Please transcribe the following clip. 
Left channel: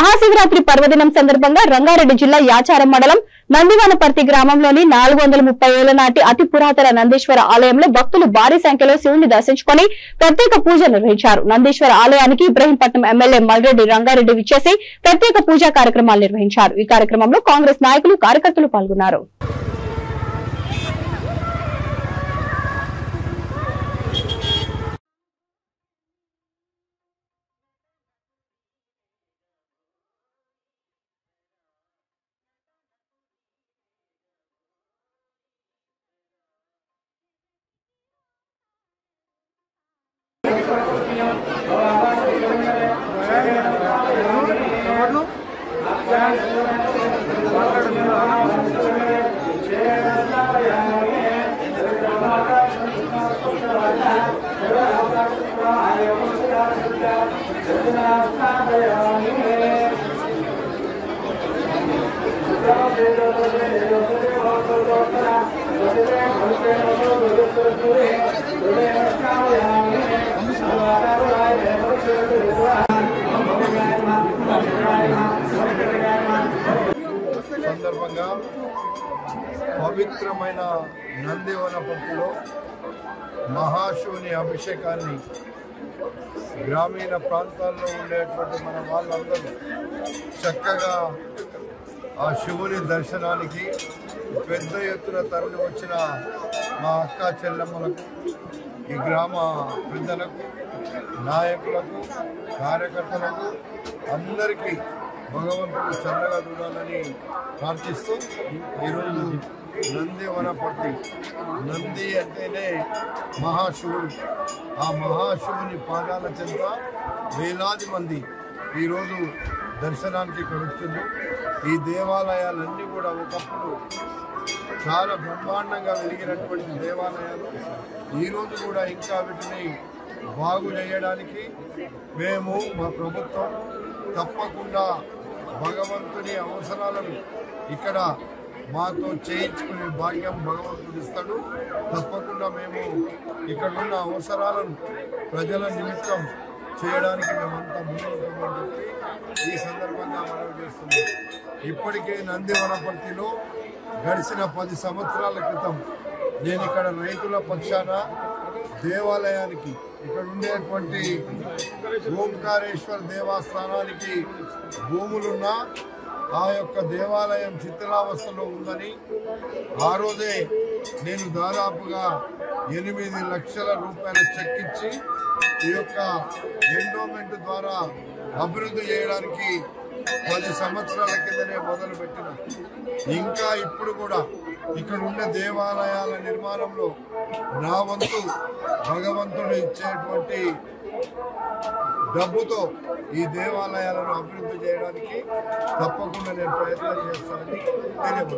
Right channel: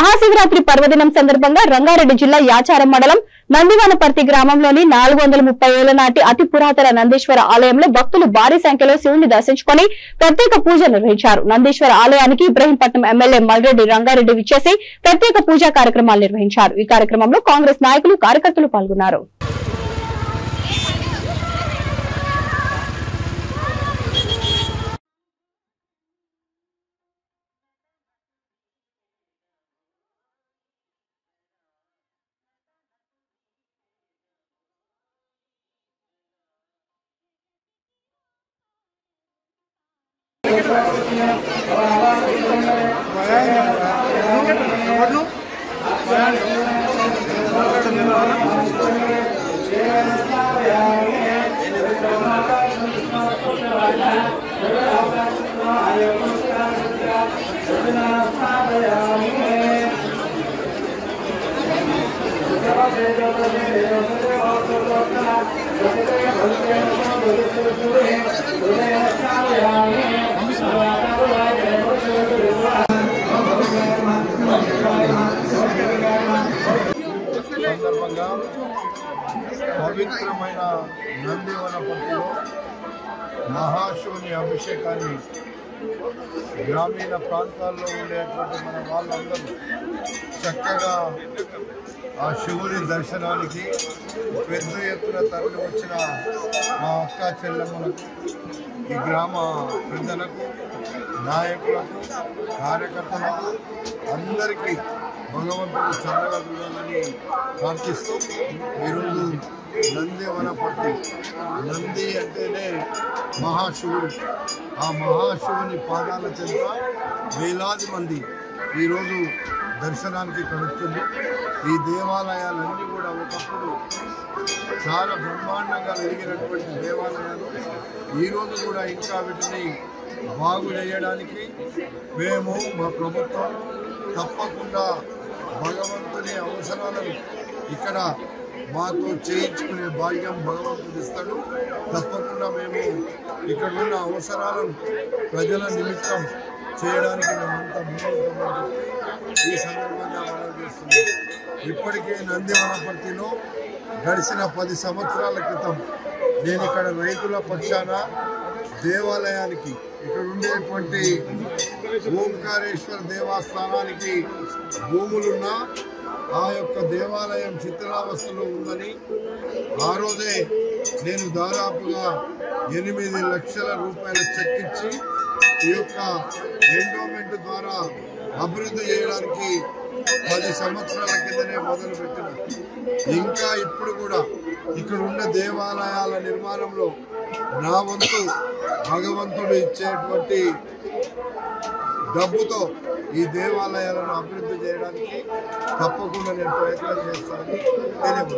మహాశివరాత్రి పర్వదినం సందర్భంగా రంగారెడ్డి జిల్లా యాచారం మండలం నందివానపర్తి గ్రామంలోని 430 ఏళ్ల నాటి అతి పురాతన నందీశ్వర ఆలయంలో భక్తులు భారీ సంఖ్యలో శివుని దర్శించుకుని ప్రత్యేక పూజ నిర్వహించారు. నందీశ్వర ఆలయానికి ఇబ్రహీంపట్నం ఎమ్మెల్యే మల్రెడ్డి రంగారెడ్డి విచ్చేసి ప్రత్యేక పూజా కార్యక్రమాలు నిర్వహించారు. ఈ కార్యక్రమంలో కాంగ్రెస్ నాయకులు కార్యకర్తలు పాల్గొన్నారు. సందర్భంగా పవిత్రమైన నందివనపర్తిలో మహాశివుని అభిషేకాన్ని గ్రామీణ ప్రాంతాల్లో ఉండేటువంటి మన వాళ్ళందరూ చక్కగా ఆ శివుని దర్శనానికి పెద్ద ఎత్తున తరలి వచ్చిన మా అక్క చెల్లెమ్మలకు, ఈ గ్రామ పెద్దలకు, నాయకులకు, కార్యకర్తలకు అందరికీ భగవంతుడు చల్లగా చూడాలని ప్రార్థిస్తూ ఈరోజు నందివనపర్తి, నంది అంటేనే మహాశివుడు, ఆ మహాశివుని పాదాల చెంత వేలాది మంది ఈరోజు దర్శనానికి కలుగుతుంది. ఈ దేవాలయాలన్నీ కూడా ఒకప్పుడు చాలా బ్రహ్మాండంగా వెలిగినటువంటి దేవాలయాలు ఈరోజు కూడా ఇంకా వీటిని బాగు చేయడానికి మేము మా ప్రభుత్వం తప్పకుండా భగవంతుని అవసరాలను ఇక్కడ మాతో చేయించుకునే భాగ్యం భగవంతుడు ఇస్తాడు. తప్పకుండా మేము ఇక్కడ ఉన్న అవసరాలను ప్రజల నిమిత్తం చేయడానికి మేమంతా ముందుంటామని చెప్పి ఈ సందర్భంగా మనం చేస్తున్నాం. ఇప్పటికే నందివనపర్తిలో గడిచిన 10 సంవత్సరాల క్రితం నేను ఇక్కడ రైతుల పక్షాన దేవాలయానికి, ఇక్కడ ఉండేటువంటి ఓంకారేశ్వర దేవస్థానానికి భూములున్నా ఆ యొక్క దేవాలయం శిథిలావస్థలో ఉందని ఆ రోజే నేను దాదాపుగా 8 లక్షల రూపాయల చెక్ ఇచ్చి ఈ యొక్క ఎండోమెంట్ ద్వారా అభివృద్ధి చేయడానికి 10 సంవత్సరాల కిందనే మొదలుపెట్టిన, ఇంకా ఇప్పుడు కూడా ఇక్కడ ఉన్న దేవాలయాల నిర్మాణంలో నా వంతు భగవంతుడు ఇచ్చేటువంటి డబ్బుతో ఈ దేవాలయాలను అభివృద్ధి చేయడానికి తప్పకుండా నేను ప్రయత్నం చేస్తానని తెలియజేస్తున్నాను.